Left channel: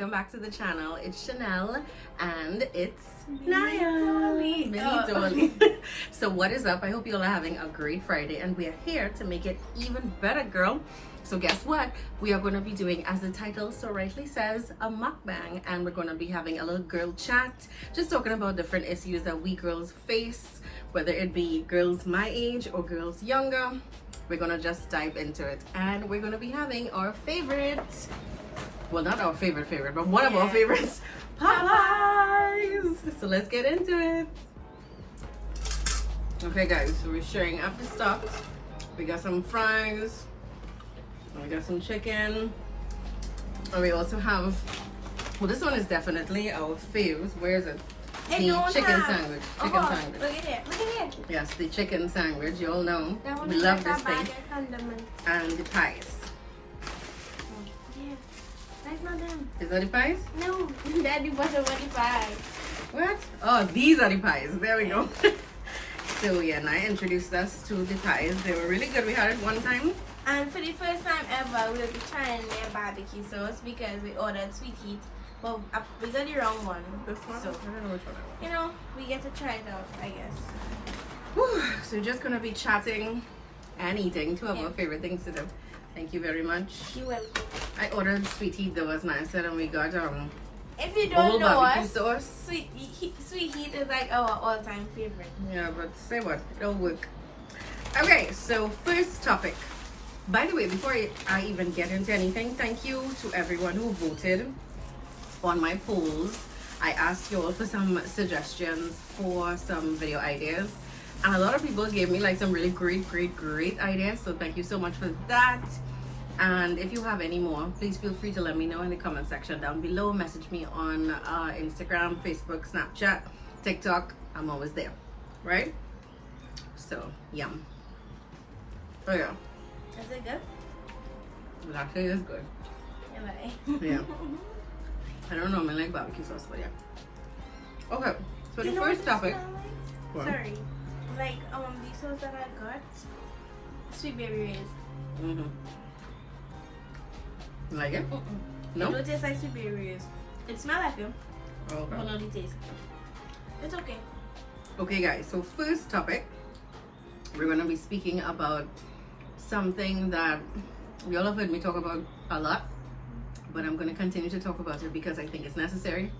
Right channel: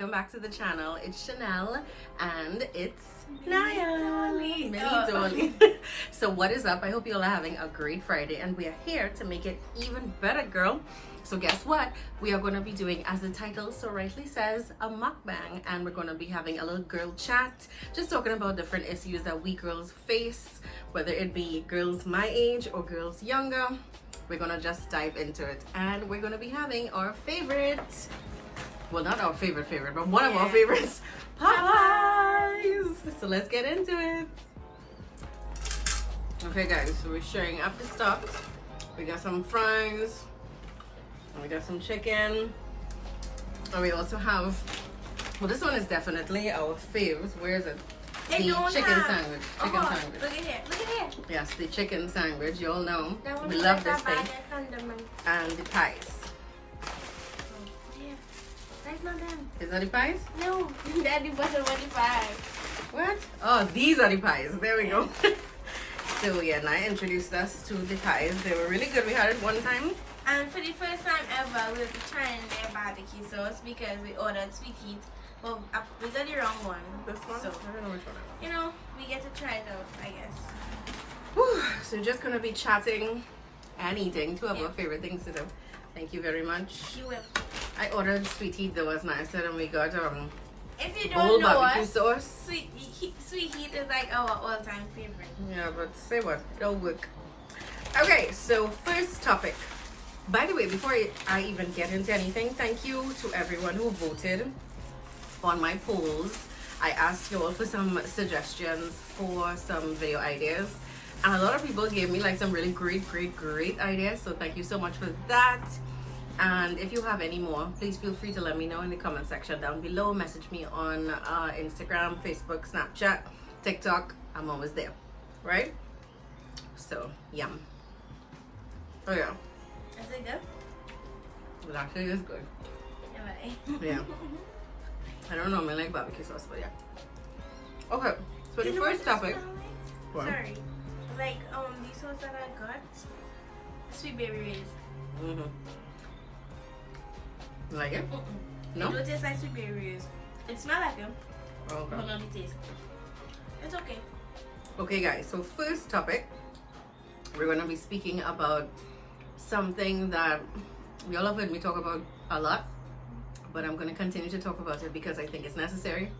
welcome back to the channel. It's Chanel and it's Naya. Dolly. So what is up? I hope you all are having a great Friday and we are here to make it even better, girl. So guess what? We are going to be doing, as the title so rightly says, a mukbang, and we're going to be having a little girl chat, just talking about different issues that we girls face, whether it be girls my age or girls younger. We're going to just dive into it, and we're going to be having our favorite, well, not our favorite, but one of our favorites, Popeyes. So let's get into it. Okay guys, so we're sharing up the stocks. We got some fries, we got some chicken, and we also have, well, this one is definitely our faves. Where is it? The chicken sandwich. Chicken sandwich. Look at here. Look at here. Yes, the chicken sandwich. You all know we We love this thing. And And the pies. yeah. That's not them. Is that the pies? No. Daddy wasn't what the pies. What? Oh, these are the pies. There we go. So yeah, and I introduced us to the pies. They were really good. We had it one time. And for the first time ever, we were trying their barbecue sauce because we ordered sweet heat. Well, we got the wrong one. This one? So, I don't know which one I want. you know, we get to try it out, I guess. Whew. So we're just gonna be chatting and eating, two of Yeah. our favorite things to do. Thank you very much. You will. I ordered sweet heat, that was nice, and we got If you old don't know barbecue us, sauce. sweet heat is like our all-time favorite. Yeah, but say what? It'll work. Okay, so first topic. By the way, before I even get into anything, thank you to everyone who voted on my polls. I asked you all for some suggestions for some video ideas, and a lot of people gave me like some really great ideas, so thank you so much for that. And if you have any more, please feel free to let me know in the comment section down below. Message me on Instagram, Facebook, Snapchat, TikTok. I'm always there, right? So yum. Oh yeah, Is it good? it actually is good. Yeah, right. Yeah. I don't normally like barbecue sauce, but yeah. Okay, so You the know first what topic. this smell like? What? Sorry. Like, the sauce that I got, sweet baby rays. Mm-hmm. Like it? No? It don't taste like sweet baby rays. It smells like them, Okay. but not the taste. It's okay. Okay, guys, so first topic, we're going to be speaking about something that we all have heard me talk about a lot, but I'm going to continue to talk about it because I think it's necessary.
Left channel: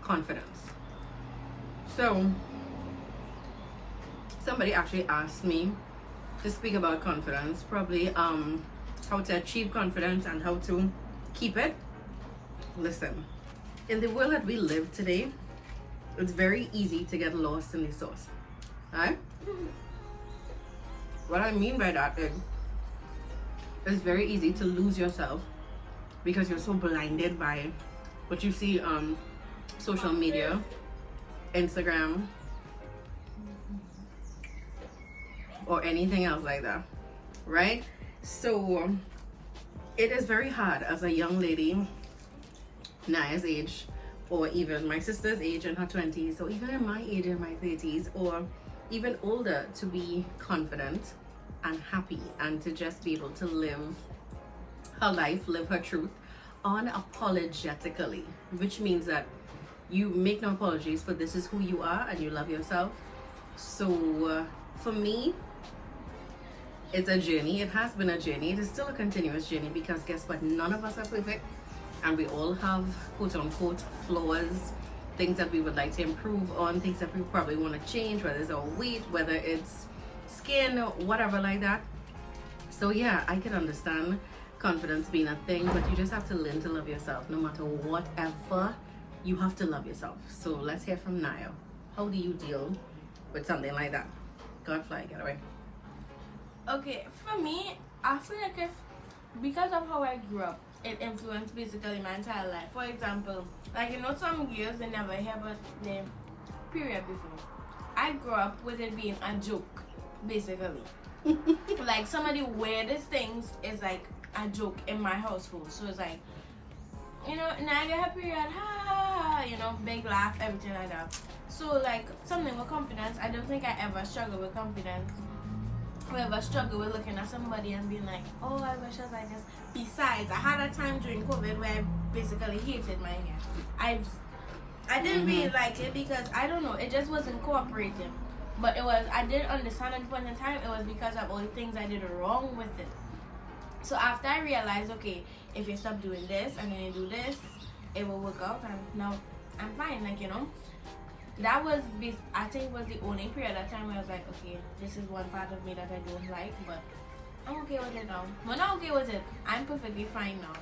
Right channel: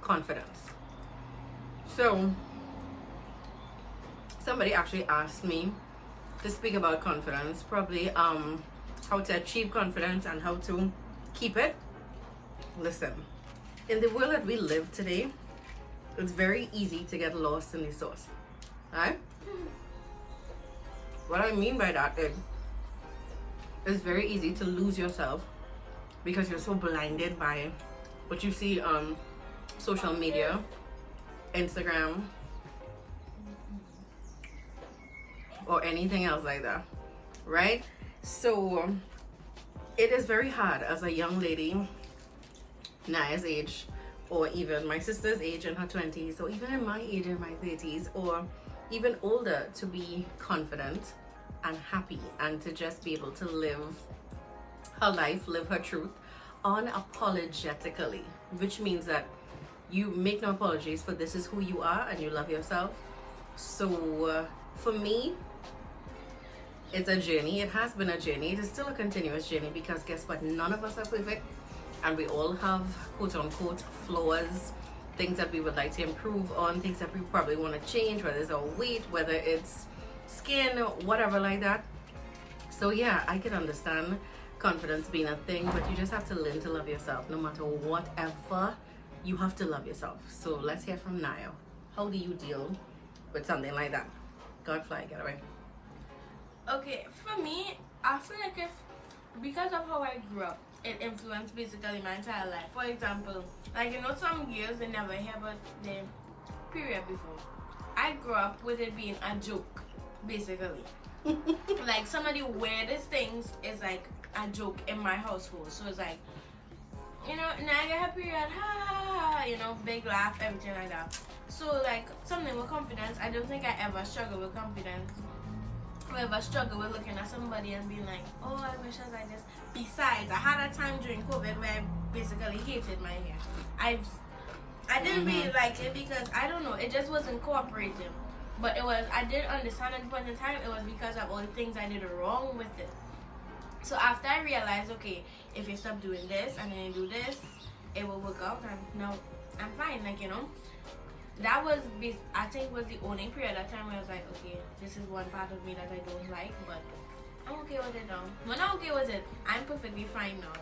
Confidence. So somebody actually asked me to speak about confidence, probably how to achieve confidence and how to keep it. Listen, in the world that we live today, it's very easy to get lost in the sauce, right? What I mean by that is it's very easy to lose yourself because you're so blinded by what you see on social media, Instagram, or anything else like that, right? So it is very hard as a young lady, Naya's age, or even my sister's age in her 20s, or even in my age in my 30s, or even older, to be confident and happy and to just be able to live her life, live her truth unapologetically, which means that you make no apologies for this is who you are and you love yourself. So for me, it's a journey. It has been a journey. It is still a continuous journey because guess what? None of us are perfect, and we all have quote unquote flaws, things that we would like to improve on, things that we probably want to change, whether it's our weight, whether it's skin, whatever like that. So yeah, I can understand confidence being a thing, but you just have to learn to love yourself. No matter whatever, you have to love yourself. So let's hear from Naya. How do you deal with something like that? Godfly, get away. Okay, for me, I feel like because of how I grew up, it influenced basically my entire life. For example, like, you know, some girls, they never have their period before. I grew up with it being a joke, basically. Like, some of the weirdest things is like a joke in my household. So it's like, you know, now I get her period, ha ha ha, you know, big laugh, everything like that. So like something with confidence, I don't think I ever struggled with confidence we ever struggle with looking at somebody and being like, oh, I wish I was like this. Besides, I had a time during COVID where I basically hated my hair. I didn't really like it because, I don't know, it just wasn't cooperating. But it was, I did understand at the point in time, it was because of all the things I did wrong with it. So after I realized, okay, if you stop doing this and then you do this, it will work out, and now I'm fine, like, you know. That was, I think, was the only period of time where I was like, okay, this is one part of me that I don't like, but I'm okay with it now. When I'm okay with it, I'm perfectly fine now.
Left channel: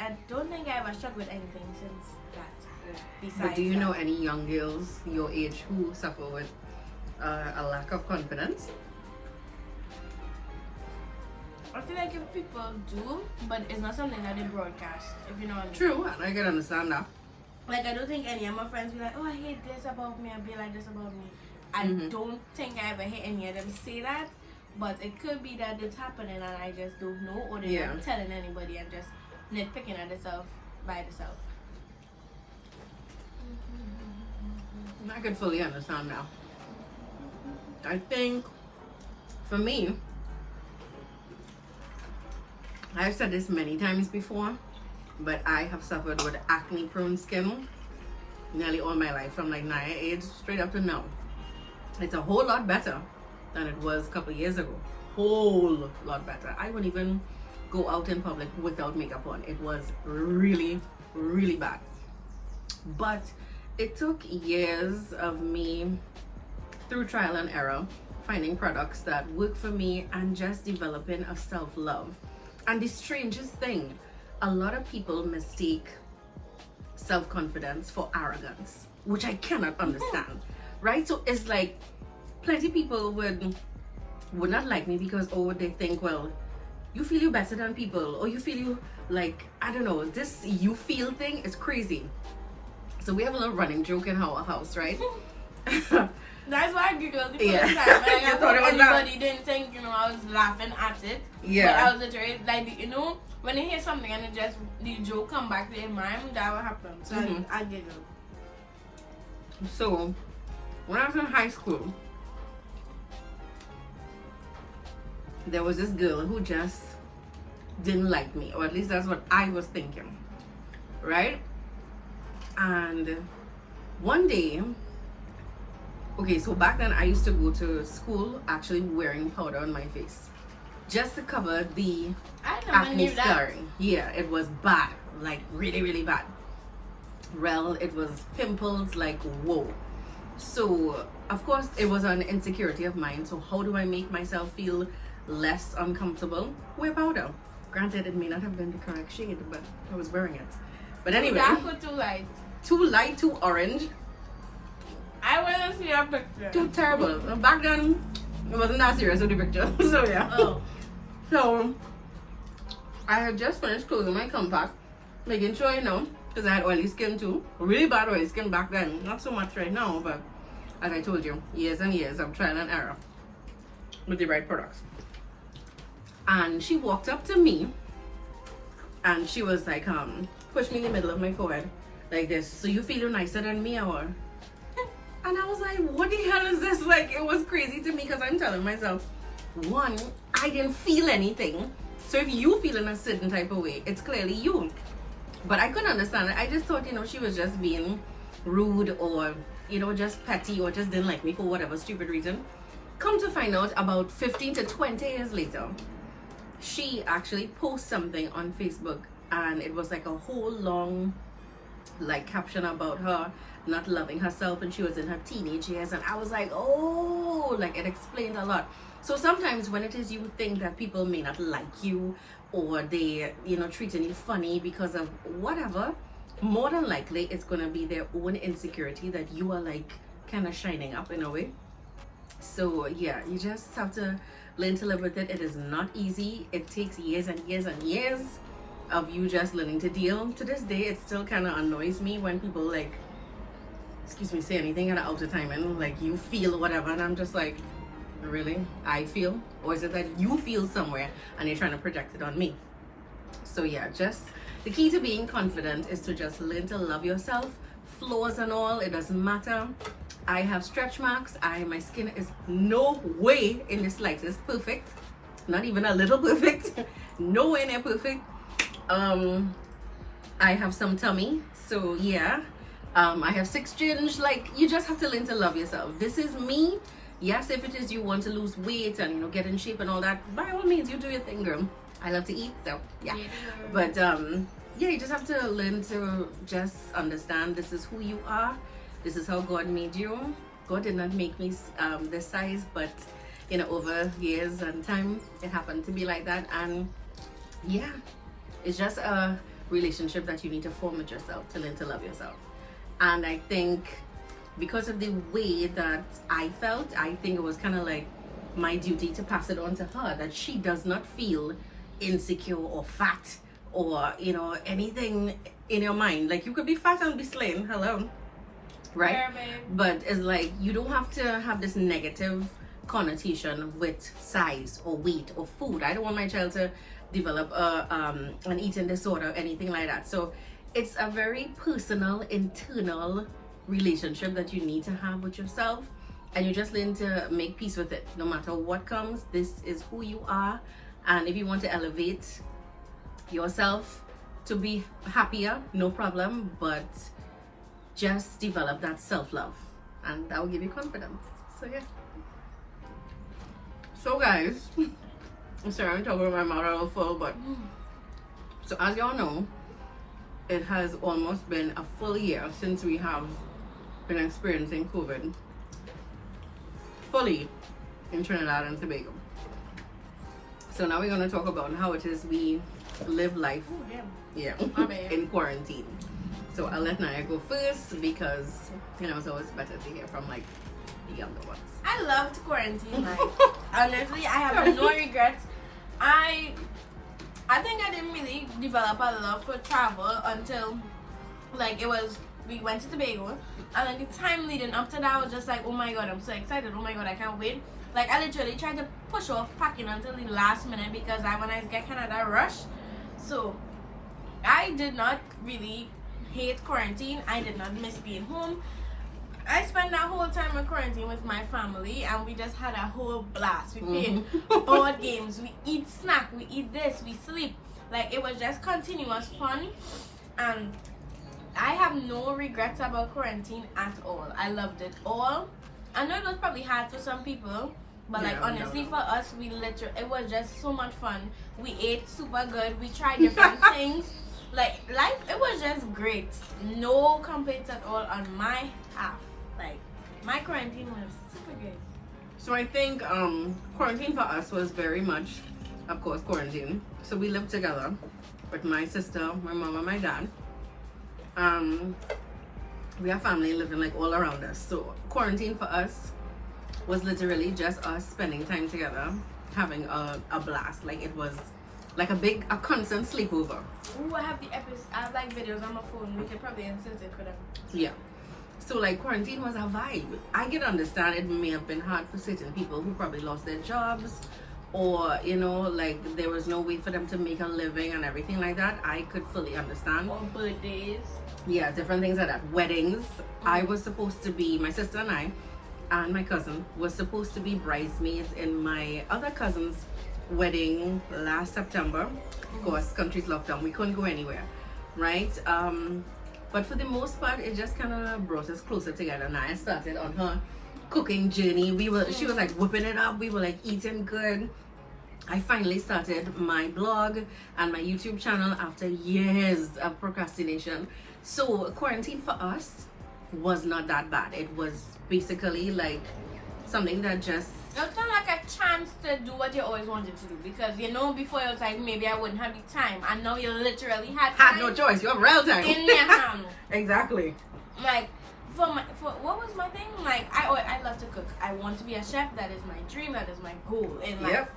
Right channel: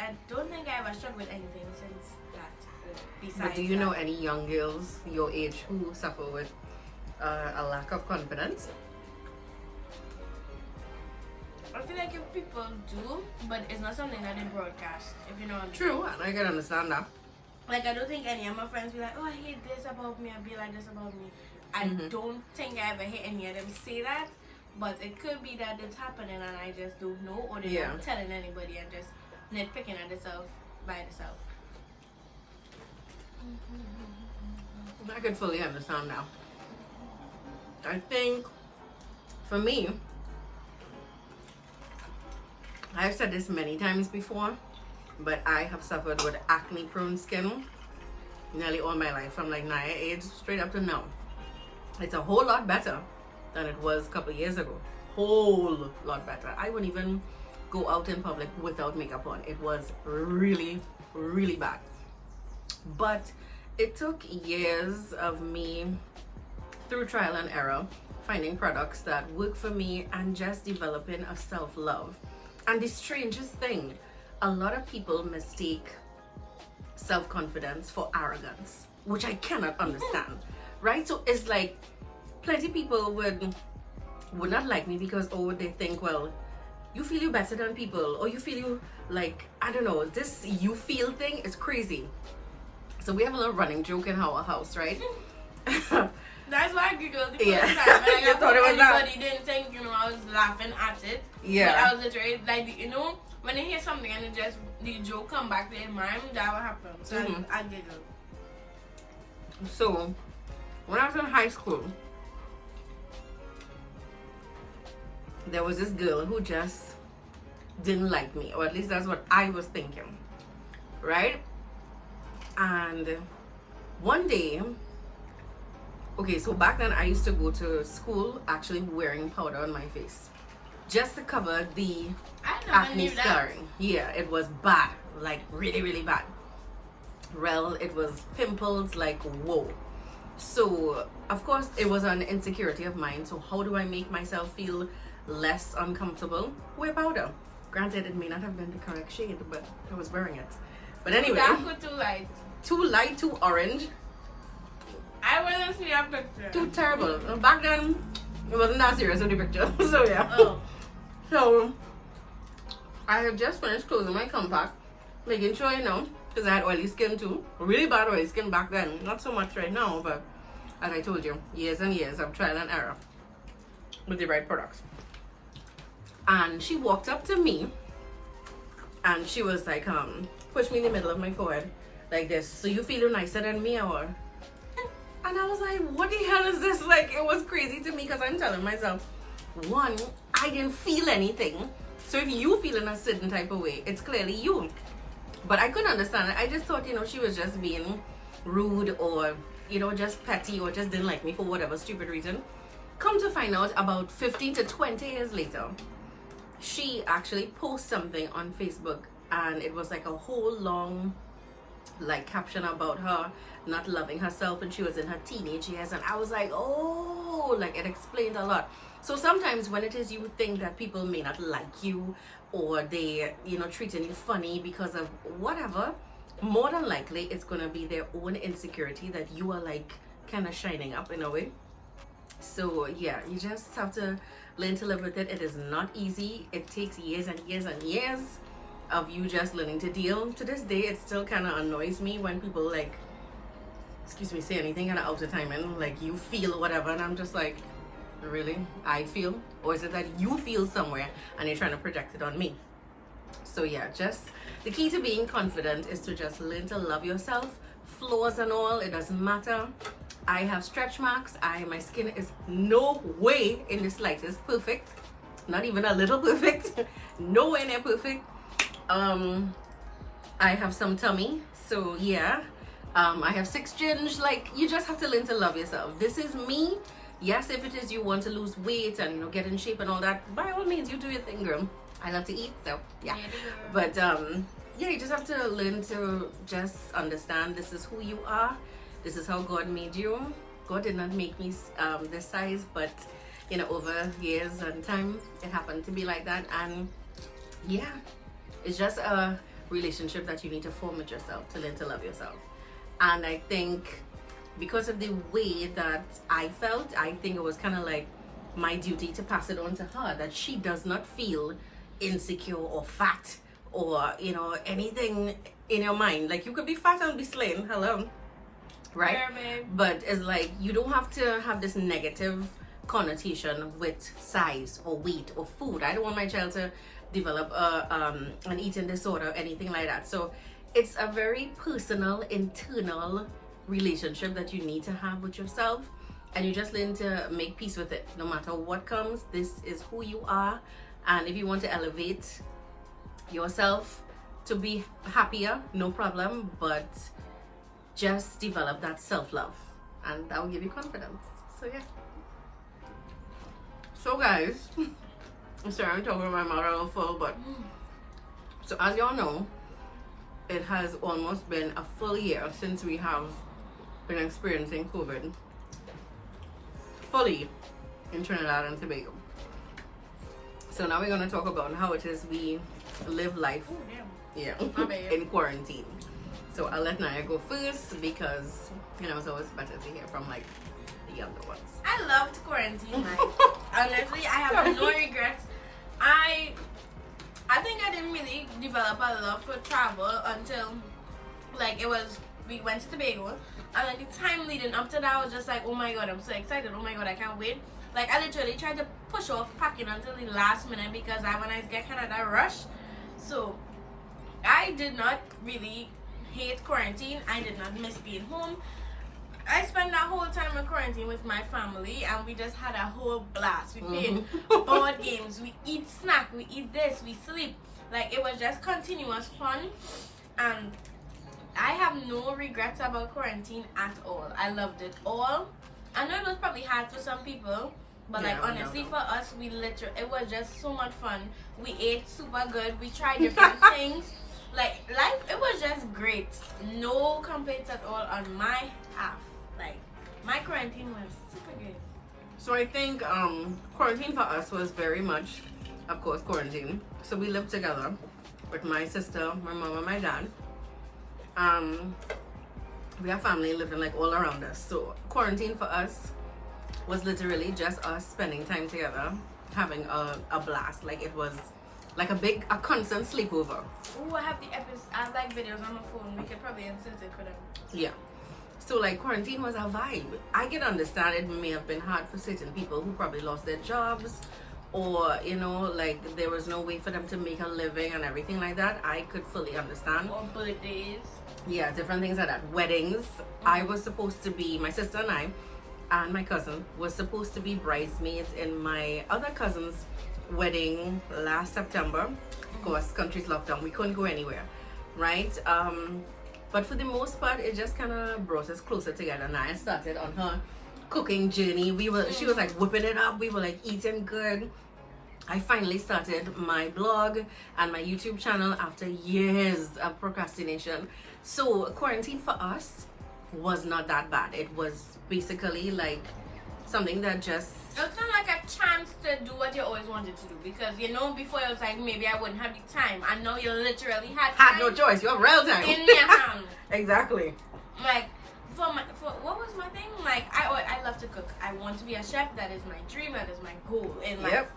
I don't think I ever struggled with anything since that. Besides, but do you know any young girls your age who suffer with a lack of confidence? I feel like if people do, but it's not something that they broadcast, if you know what I mean. True, and I can understand that. Like, I don't think any of my friends be like, oh, I hate this about me, I be like this about me. I don't think I ever hear any of them say that, but it could be that it's happening and I just don't know, or they're not telling anybody and just nitpicking at themselves by themselves. I could fully understand now. I think, for me, I've said this many times before, but I have suffered with acne-prone skin nearly all my life, from like 9 age straight up to now. It's a whole lot better than it was a couple years ago. Whole lot better. I wouldn't even go out in public without makeup on. It was really, really bad. But it took years of me, through trial and error, finding products that work for me and just developing a self-love. And the strangest thing, a lot of people mistake self-confidence for arrogance, which I cannot understand, right? So it's like, plenty of people would not like me because, oh, they think, well, you feel you better than people, or you feel you, like, I don't know, this you feel thing is crazy. So we have a little running joke in our house, right? That's why I giggled the first time. Like, I thought everybody didn't think, you know, I was laughing at it. Yeah. But I was literally, like, you know, when you hear something and it just, the joke come back to your mind, that what happened. So I giggled. So, when I was in high school, there was this girl who just didn't like me, or at least that's what I was thinking, right? And one day, okay, so back then I used to go to school actually wearing powder on my face just to cover the acne scarring. Yeah, it was bad, like really, really bad. Well, it was pimples, like whoa. So of course it was an insecurity of mine. So how do I make myself feel less uncomfortable? Wear powder. Granted, it may not have been the correct shade, but I was wearing it. But anyway, too dark or too light? Too light, too orange. I wouldn't see a picture. Too terrible. Back then, it wasn't that serious with the picture. So yeah. Oh. So I had just finished closing my compact, making sure, you know, because I had oily skin too. Really bad oily skin back then. Not so much right now, but as I told you, years and years of trial and error with the right products. And she walked up to me and she was like, push me in the middle of my forehead like this. So you feel nicer than me, or? And I was like, what the hell is this? Like, it was crazy to me because I'm telling myself, one, I didn't feel anything. So if you feel in a certain type of way, it's clearly you. But I couldn't understand it. I just thought, you know, she was just being rude, or, you know, just petty, or just didn't like me for whatever stupid reason. Come to find out, about 15 to 20 years later, she actually posted something on Facebook, and it was like a whole long, like, caption about her not loving herself when she was in her teenage years. And I was like, oh, like, it explained a lot. So sometimes when it is you think that people may not like you, or they, you know, treating you funny because of whatever, more than likely it's gonna be their own insecurity that you are like kind of shining up in a way. So yeah, you just have to learn to live with it. It is not easy. It takes years and years and years of you just learning to deal. To this day, it still kind of annoys me when people, like, excuse me, say anything kind of out of time, and like, you feel whatever, and I'm just like, really? I feel? Or is it that you feel somewhere and you're trying to project it on me? So yeah, just the key to being confident is to just learn to love yourself, flaws and all. It doesn't matter. I have stretch marks. My skin is no way in the slightest perfect. Not even a little perfect. Nowhere near perfect. I have some tummy. So yeah. I have 6 ginge. Like, you just have to learn to love yourself. This is me. Yes, if it is you want to lose weight and, you know, get in shape and all that, by all means, you do your thing, girl. I love to eat, so yeah. But yeah, you just have to learn to just understand this is who you are. This is how God made you. God did not make me this size, but you know, over years and time, it happened to be like that. And yeah, it's just a relationship that you need to form with yourself to learn to love yourself. And I think because of the way that I felt, I think it was kind of like my duty to pass it on to her, that she does not feel insecure or fat or, you know, anything in your mind. Like, you could be fat and be slim, hello, right? Yeah, babe. But it's like, you don't have to have this negative connotation with size or weight or food. I don't want my child to develop an eating disorder or anything like that. So it's a very personal, internal relationship that you need to have with yourself, and you just learn to make peace with it. No matter what comes, this is who you are. And if you want to elevate yourself to be happier, no problem, but just develop that self-love, and that will give you confidence. So yeah. So guys, sorry, I'm talking with my mouth all full, but so as y'all know, it has almost been a full year since we have been experiencing COVID fully in Trinidad and Tobago. So now we're going to talk about how it is we live life in quarantine. So I'll let Naya go first because, you know, it's always better to hear from like the younger ones. I loved quarantine life. Honestly, I have no regrets. I think I didn't really develop a love for travel until like we went to Tobago, and then the time leading up to that I was just like, oh my god, I'm so excited, oh my god, I can't wait. Like, I literally tried to push off packing until the last minute because when I get kind of that rush. So I did not really hate quarantine. I did not miss being home. I spent that whole time in quarantine with my family, and we just had a whole blast. We played board games, we eat snack, we eat this, we sleep. Like, it was just continuous fun, and I have no regrets about quarantine at all. I loved it all. I know it was probably hard for some people, but like, honestly, for us, it was just so much fun. We ate super good. We tried different things. Like, life, it was just great. No complaints at all on my half. Like, my quarantine was super good. So I think quarantine for us was very much, of course, quarantine. So we lived together with my sister, my mom, and my dad. We have family living like all around us. So quarantine for us was literally just us spending time together, having a blast. Like, it was like a constant sleepover. Ooh, I have like videos on my phone. We could probably insert it for them. Yeah. So like, quarantine was a vibe. I can understand it may have been hard for certain people who probably lost their jobs, or, you know, like, there was no way for them to make a living and everything like that. I could fully understand. Or birthdays. Yeah, different things like that. Weddings. I was supposed to be, my sister and I and my cousin was supposed to be bridesmaids in my other cousin's wedding last September. Of course, country's locked down. We couldn't go anywhere, right? But for the most part, it just kind of brought us closer together. And I started on her cooking journey. She was like whipping it up. We were like eating good. I finally started my blog and my YouTube channel after years of procrastination. So quarantine for us was not that bad. It was basically like something that just... It was kind of like a chance to do what you always wanted to do, because, you know, before it was like, maybe I wouldn't have the time, and now you literally had time. Had no choice. You have real time. In your hand. Exactly. Like, for what was my thing? Like, I love to cook. I want to be a chef. That is my dream. That is my goal in life. Yep.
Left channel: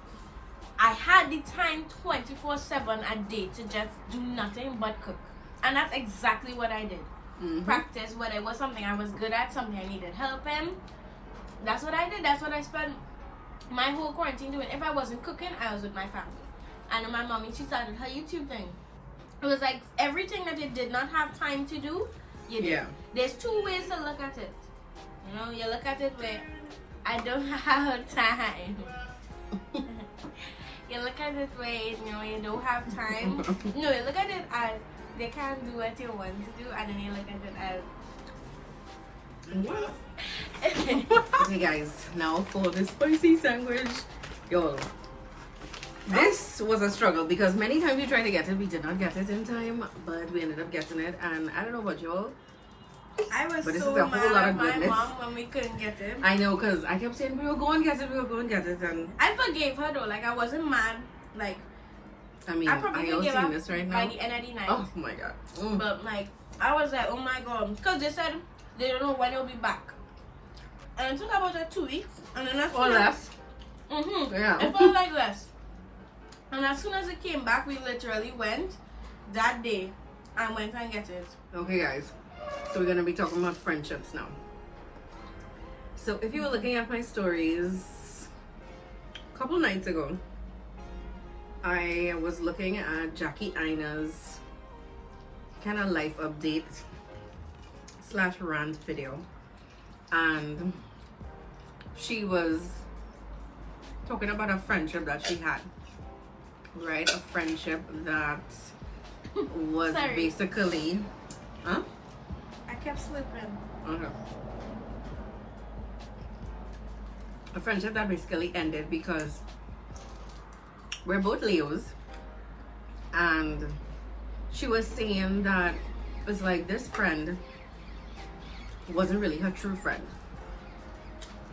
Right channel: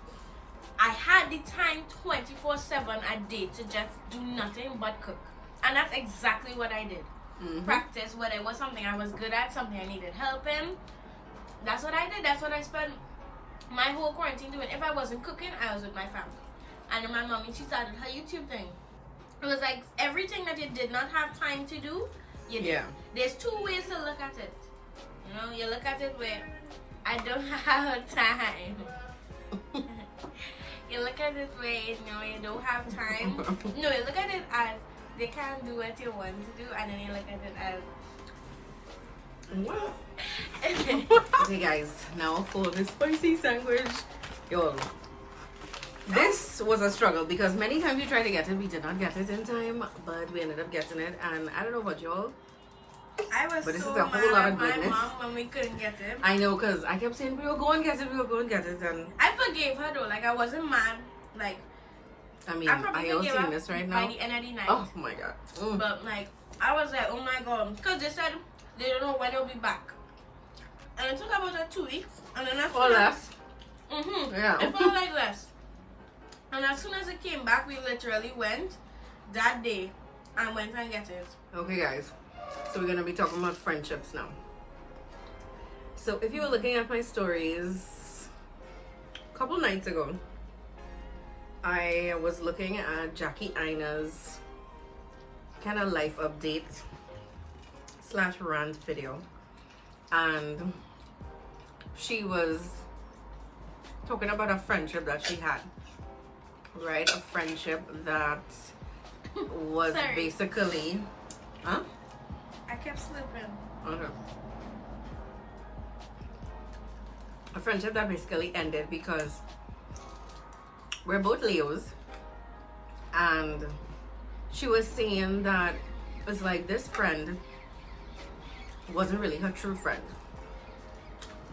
I had the time 24/7 a day to just do nothing but cook. And that's exactly what I did. Practice what it was, something I was good at, something I needed help in. That's what I did. That's what I spent my whole quarantine doing. If I wasn't cooking, I was with my family. And then my mommy, she started her YouTube thing. It was like everything that you did not have time to do, you did. Yeah. There's two ways to look at it. You know, you look at it where I don't have time. You look at it where, you know, you don't have time. No, you look at it as they can't do what you want to do, and then you look at it as what? Okay guys, now for the spicy sandwich. Y'all, this was a struggle because many times we tried to get it, we did not get it in time, but we ended up getting it. And I don't know about y'all, I was but this so is a whole lot mad at of my goodness. mom when we couldn't get it. I know, because I kept saying we will go and get it, we will go and get it, and I forgave her though, like I wasn't mad. Like I mean, I probably are y'all forgave seeing her this right by now? the end of the night. Oh my god. Mm. But like I was like, oh my god, because they said they don't know when they'll be back. And it took about 2 weeks, and then as Or soon as less. Yeah. it felt like less. And as soon as it came back, we literally went that day and went and get it. Okay guys, so we're gonna be talking about friendships now. So if you were looking at my stories a couple nights ago, I was looking at Jackie Ina's kind of life update / rant video, and she was talking about a friendship that she had, right? A friendship that was Sorry. basically, huh? I kept slipping. Okay. A friendship that basically ended because we're both Leos, and she was saying that it's like this friend wasn't really her true friend.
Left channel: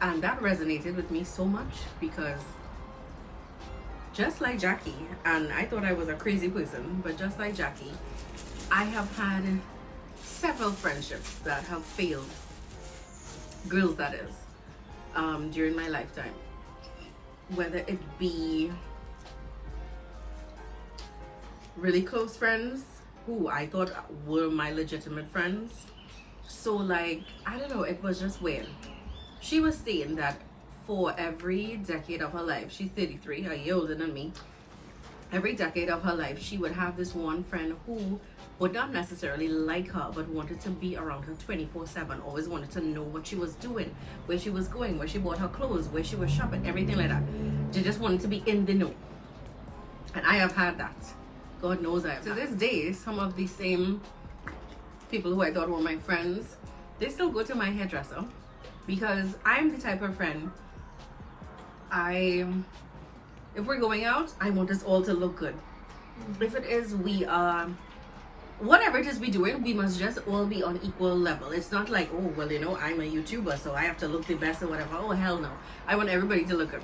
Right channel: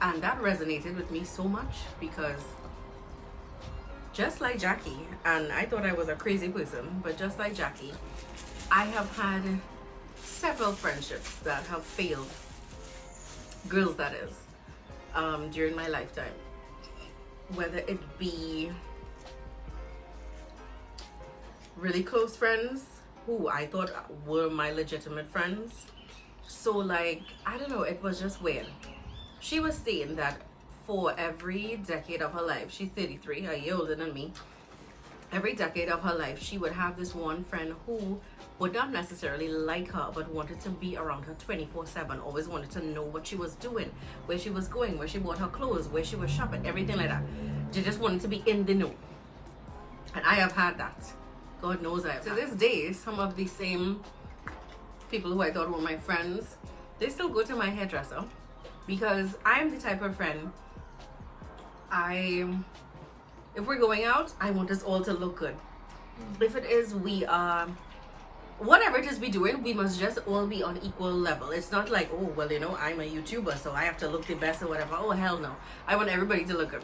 And that resonated with me so much because just like Jackie, and I thought I was a crazy person, but just like Jackie, I have had several friendships that have failed, girls that is, during my lifetime. Whether it be really close friends who I thought were my legitimate friends. So like, I don't know, it was just weird. She was saying that for every decade of her life, she's 33, a year older than me, every decade of her life, she would have this one friend who would not necessarily like her, but wanted to be around her 24/7, always wanted to know what she was doing, where she was going, where she bought her clothes, where she was shopping, everything like that. She just wanted to be in the know. And I have had that. God knows I have. To this day, some of the same people who I thought were my friends, they still go to my hairdresser because I'm the type of friend, if we're going out, I want us all to look good. If it is we are, whatever it is we doing, we must just all be on equal level. It's not like, oh, well, you know, I'm a YouTuber, so I have to look the best or whatever. Oh, hell no. I want everybody to look good.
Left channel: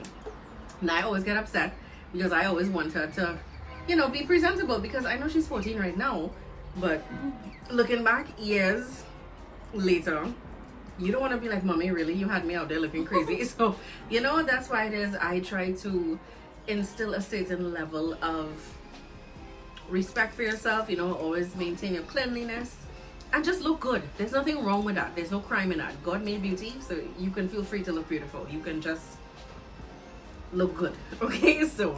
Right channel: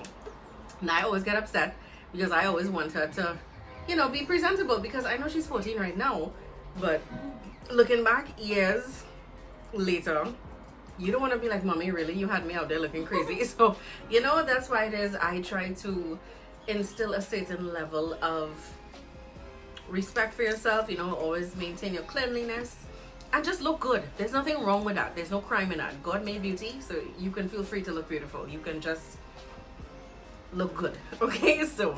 And I always get upset because I always want her to, you know, be presentable, because I know she's 14 right now, but looking back years later, you don't want to be like, mommy, really? You had me out there looking crazy. So, you know, that's why it is I try to instill a certain level of respect for yourself, you know, always maintain your cleanliness and just look good. There's nothing wrong with that. There's no crime in that. God made beauty, so you can feel free to look beautiful. You can just look good. Okay, so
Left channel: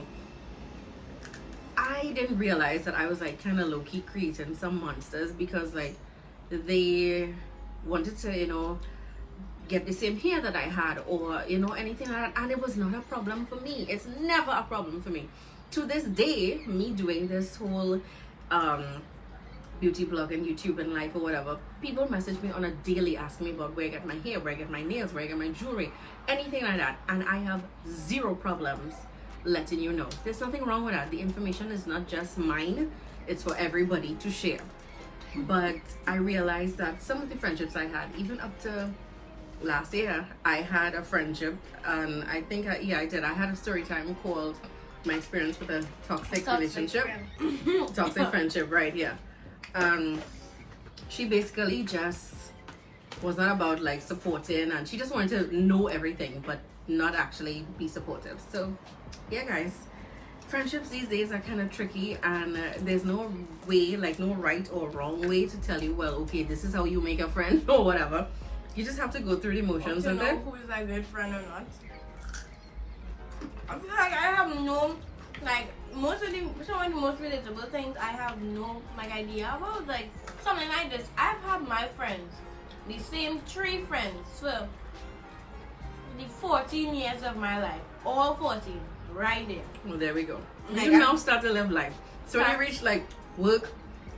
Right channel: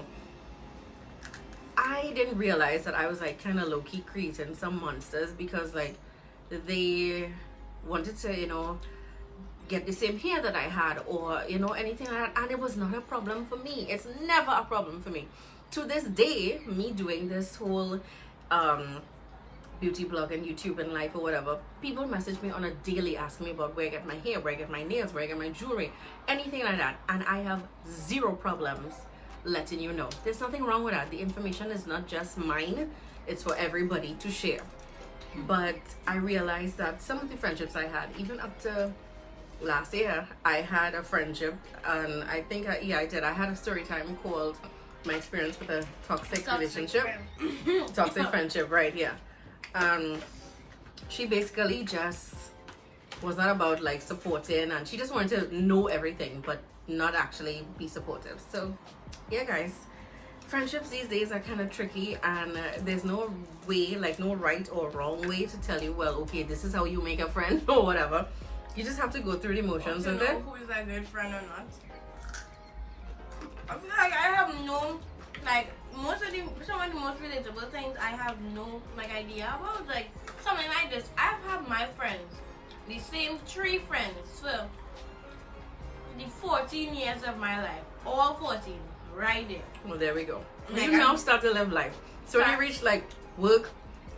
I didn't realize that I was like kind of low-key creating some monsters because like they wanted to, you know, get the same hair that I had, or you know, anything like that, and it was not a problem for me. It's never a problem for me. To this day, me doing this whole beauty blog and YouTube and life or whatever, people message me on a daily asking me about where I get my hair, where I get my nails, where I get my jewelry, anything like that, and I have zero problems letting you know. There's nothing wrong with that. The information is not just mine, it's for everybody to share. But I realized that some of the friendships I had, even up to last year, I had a friendship, and I think I did. I had a story time called my experience with a toxic relationship. Toxic friendship, right? Yeah. She basically just was not about like supporting, and she just wanted to know everything but not actually be supportive. So yeah, guys, friendships these days are kind of tricky, and there's no way, like no right or wrong way to tell you, well, okay, this is how you make a friend or whatever. You just have to go through the motions to and know then who is a good friend or not. I feel like I have no, like some of the most relatable things I have no like idea about, like something like this. I've had my friends the same 3 friends for the 14 years of my life. All 14, right there. Well, there we go. Like, You now start to live life. So when you reach like work,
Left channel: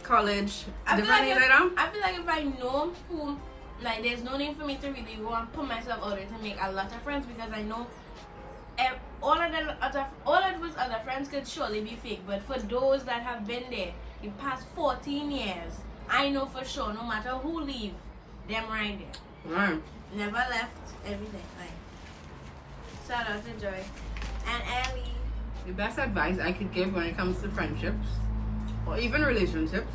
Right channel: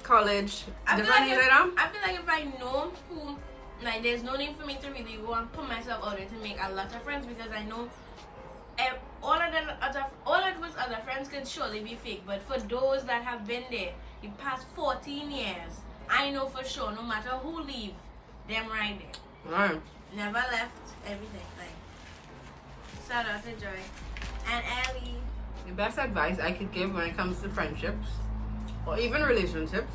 college, I feel like that. if I know who, like, there's no need for me to really go and put myself out there to make a lot of friends, because I know all of those other friends could surely be fake. But for those that have been there the past 14 years, I know for sure, no matter who leave, them right there. Right. Never left, everything. Like, shout out to Joy and Ellie. The best advice I could give when it comes to friendships or even relationships,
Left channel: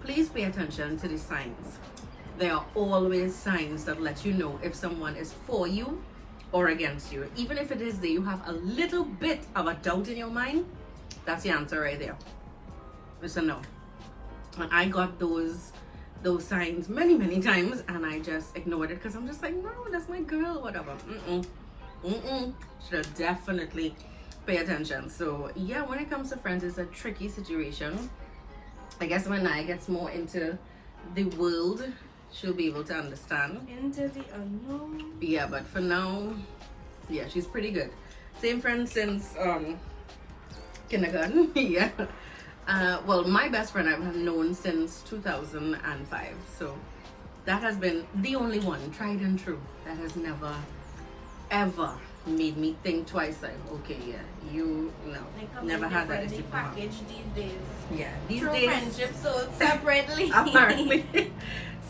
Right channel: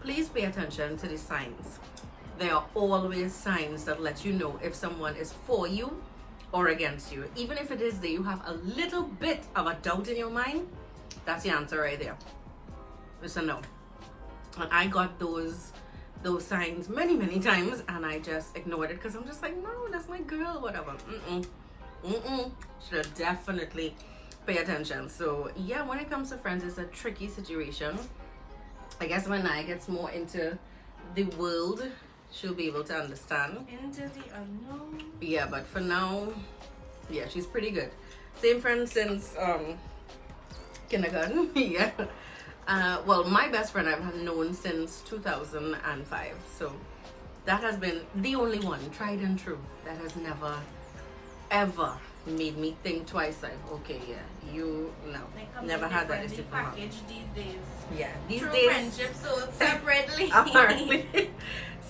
please pay attention to the signs. There are always signs that let you know if someone is for you or against you. Even if it is that you have a little bit of a doubt in your mind, that's the answer right there. It's a no. And I got those signs many times, and I just ignored it because I'm just like, no, that's my girl, whatever. Should definitely pay attention. So yeah, when it comes to friends, it's a tricky situation. I guess when I gets more into the world, she'll be able to understand. Into the unknown. Yeah, but for now, yeah, she's pretty good. Same friend since kindergarten. Yeah. Well, my best friend I've known since 2005. So that has been the only one, tried and true, that has never ever made me think twice. Like, okay, yeah, you know, never had that. They package these days. Yeah, these True days, friendship sold separately. apparently.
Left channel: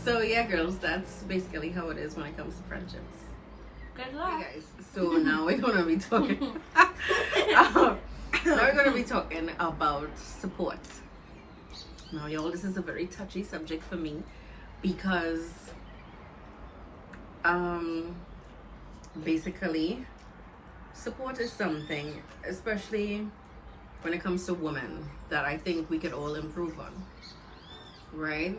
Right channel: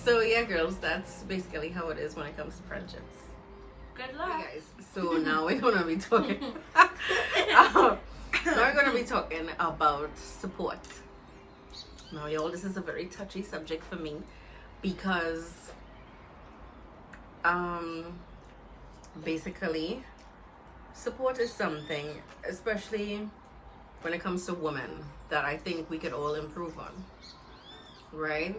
So yeah, girls, that's basically how it is when it comes to friendships. Good luck. Hey guys, so now we're gonna be talking. Now we're gonna be talking about support. Now, y'all, this is a very touchy subject for me because basically support is something, especially when it comes to women, that I think we could all improve on, right?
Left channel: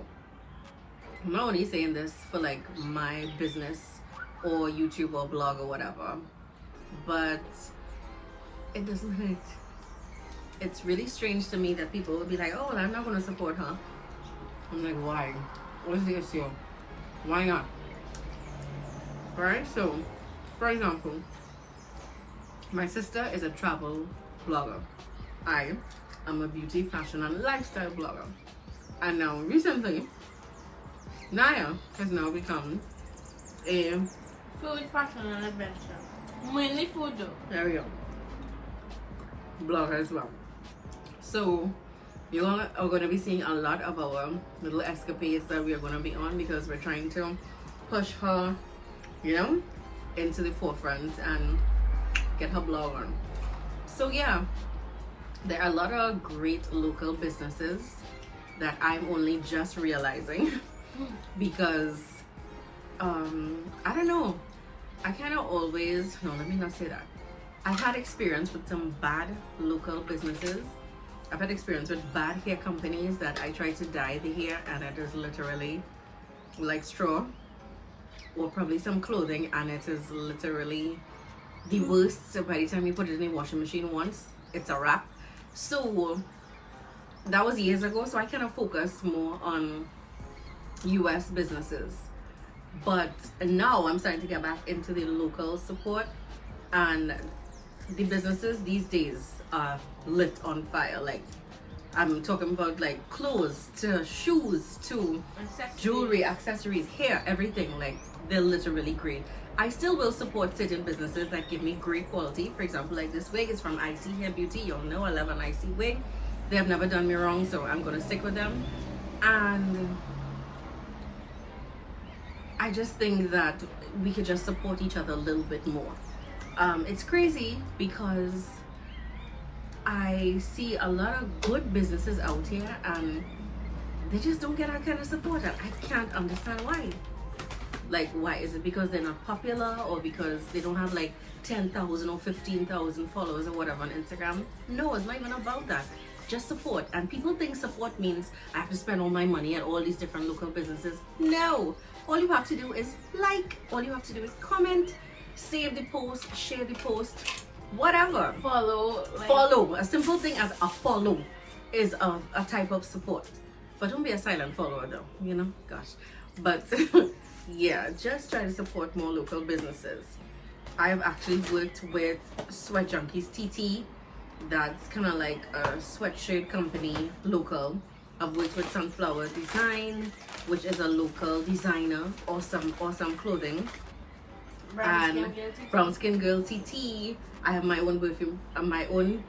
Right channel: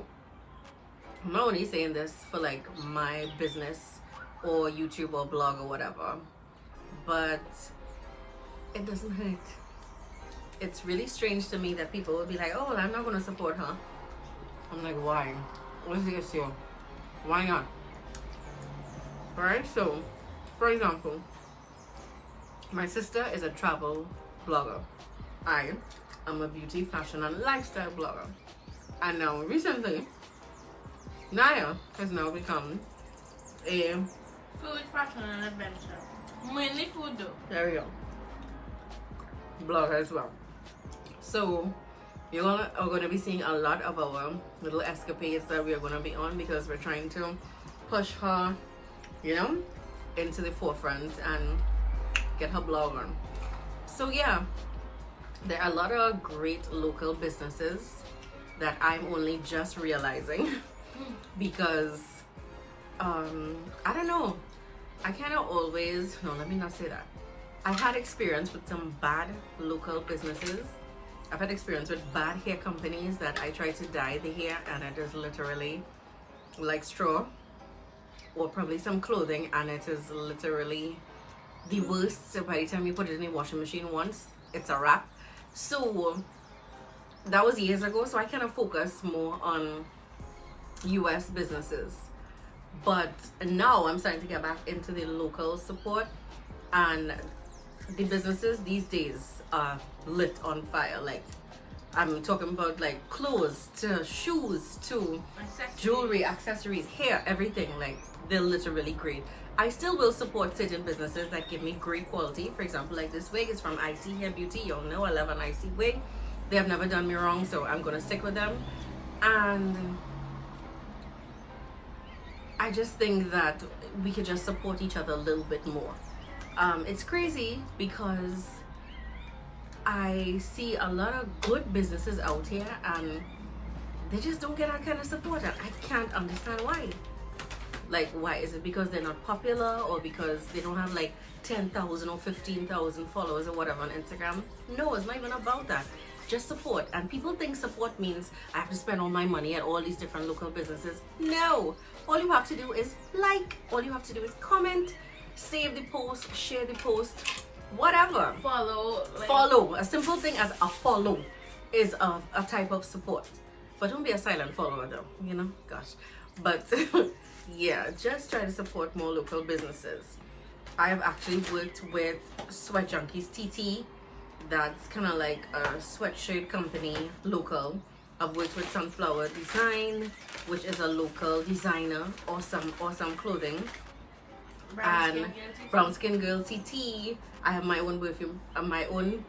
I'm not only saying this for like my business or YouTube or blog or whatever, but it doesn't hurt. It's really strange to me that people will be like, oh, well, I'm not going to support her. I'm like, why? What's the issue? Why not? Alright, so for example, my sister is a travel blogger. I am a beauty, fashion, and lifestyle blogger. And now recently, Naya has now become a food, fashion, and adventure. Mainly food though. There we go. Blogger as well. So you all are going to be seeing a lot of our little escapades that we are going to be on, because we're trying to push her, you know, into the forefront and get her blog on. So yeah, there are a lot of great local businesses that I'm only just realizing because I don't know, I kind of always, no, let me not say that. I've had experience with some bad local businesses. I've had experience with bad hair companies that I try to dye the hair and it is literally like straw, or probably some clothing and it is literally the worst. So by the time you put it in the washing machine once, it's a wrap. So that was years ago, so I kind of focus more on US businesses. But now I'm starting to get back into the local support, and the businesses these days are lit on fire. Like, I'm talking about like clothes to shoes to jewelry, accessories, hair, everything. Like, they're literally great. I still will support certain businesses that give me great quality. For example, like this wig is from ISEEHAIRBEAUTY. Y'all know I love an icy wig. They have never done me wrong, so I'm gonna stick with them. And I just think that we could just support each other a little bit more. It's crazy because I see a lot of good businesses out here and they just don't get that kind of support, and I can't understand why. Like, why? Is it because they're not popular, or because they don't have like 10,000 or 15,000 followers or whatever on Instagram? No, it's not even about that. Just support. And people think support means I have to spend all my money at all these different local businesses. No, all you have to do is like, all you have to do is comment, save the post, share the post, whatever. Follow. Follow. A simple thing as a follow is a type of support. But don't be a silent follower though, you know, gosh. But yeah, just try to support more local businesses. I've actually worked with Sweat Junkies TT. That's kind of like a sweatshirt company, local. I've worked with Sunflower Design, which is a local designer. Awesome clothing. Brown Skin Girl TT. I have my own perfume, Perfume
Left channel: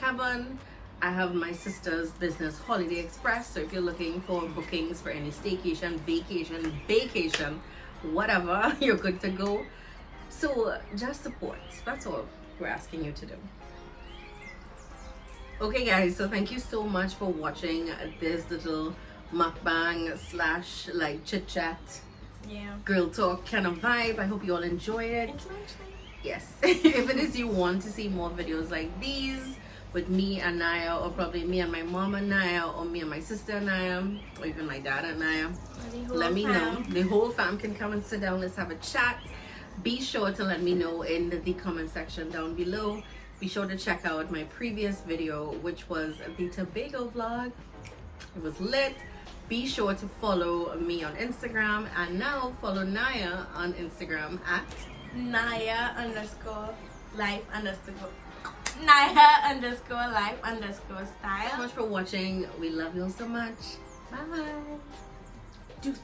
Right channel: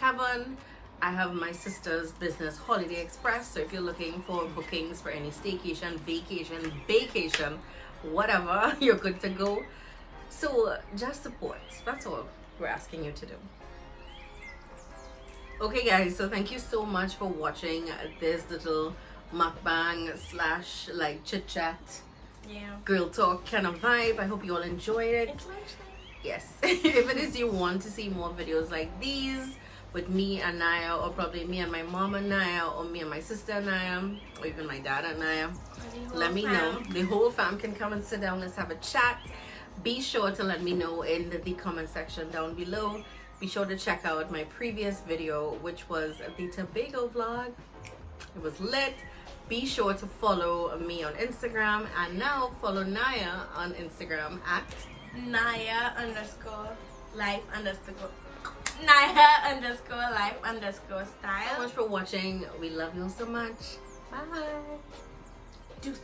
Heaven. I have my sister's business, Holiday Express. So if you're looking for bookings for any staycation, vacation, whatever, you're good to go. So just support. That's all we're asking you to do. Okay guys, so thank you so much for watching this little mukbang / like chit chat, girl talk kind of vibe. I hope you all enjoyed it. It's lunchtime. Yes. If it is you want to see more videos like these with me and Naya, or probably me and my mom and Naya, or me and my sister and Naya, or even my dad and Naya, let me know. The whole fam can come and sit down. Let's have a chat. Be sure to let me know in the comment section down below. Be sure to check out my previous video, which was the Tobago vlog. It was lit. Be sure to follow me on Instagram, and now follow Naya on Instagram at Naya_life_style. Thank you so much for watching. We love you all so much. Bye. Deuces.